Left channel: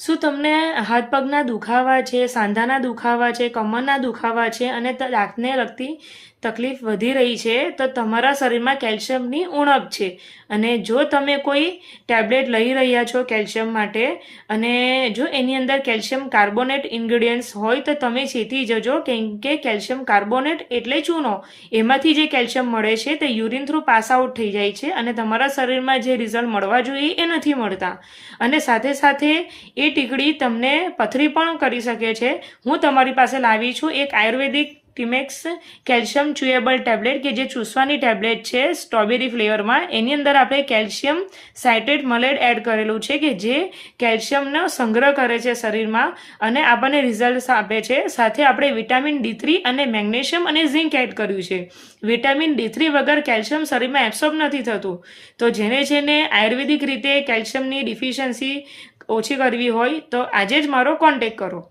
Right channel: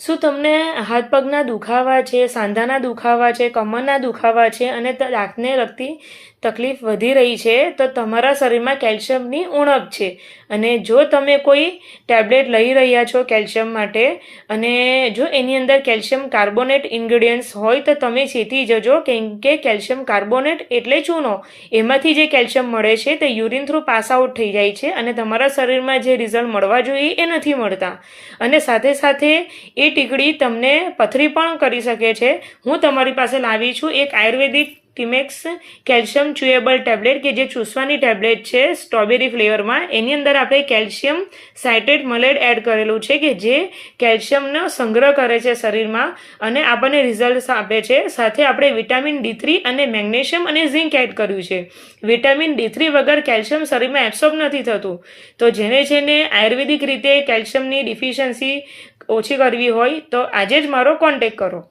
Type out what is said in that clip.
શું તમને હાથ પગના દુખાવા છે, સાંધાના દુખાવા છે, કમરના દુખાવા છે અને દાંતને લગતી તકલીફ વધી રહી છે તો તમારા શરીરમાં કેલ્શિયમની ઉણપ છે. અને જો તમે કોઈ ટેબ્લેટ લઈ રહ્યા છો કેલ્શિયમ માટે અને જો એની અંદર કેલ્શિયમ કાર્બોનેટ ઇન્ગ્રેડિયન્ટ્સ હોય તો તમે ચેતી જજો, કેમ કે કેલ્શિયમ કાર્બોનેટ એટલે ચૂનો, એમાંથી જે કેલ્શિયમ મળે છે તે યુરિન થ્રુ પાસ આઉટ થઈ જાય છે અને તમારા શરીરમાં જે રિઝલ્ટ મળવા જોઈએ એ નથી મળતા. અને સાથે સાથે એ ટીકડી તમને પથરી પણ કરી શકે છે. હું તમારી પાસે લાવી છું એક આયુર્વેદિક ટીમેક્સ કેલ્શિયમ ચ્યુએબલ ટેબ્લેટ કે જે ચૂસવાની ટેબ્લેટ છે સ્ટ્રોબેરી ફ્લેવરમાં. એની અંદર આપણે કેલ્શિયમ સાઇટ્રેટ મલેટ એડ કરેલું છે કે જે કેલ્શિયમનો સંગ્રહ કરે છે શરીરમાં અને આપણને રિઝલ્ટ આપે છે. સાથે આપણે વિટામિન D3 અને મેગ્નેશિયમ અને ઝિંક એડ કર્યું છે. વિટામિન D3 વગર કેલ્શિયમ શરીરમાં એબ્સોર્બ નથી થતું. તો જેને આયુર્વેદિક રીતે કેલ્શિયમની ડિફિશિયન્સી ઓછી કરવી હોય તો આજે જ મારો કોન્ટેક્ટ કરો.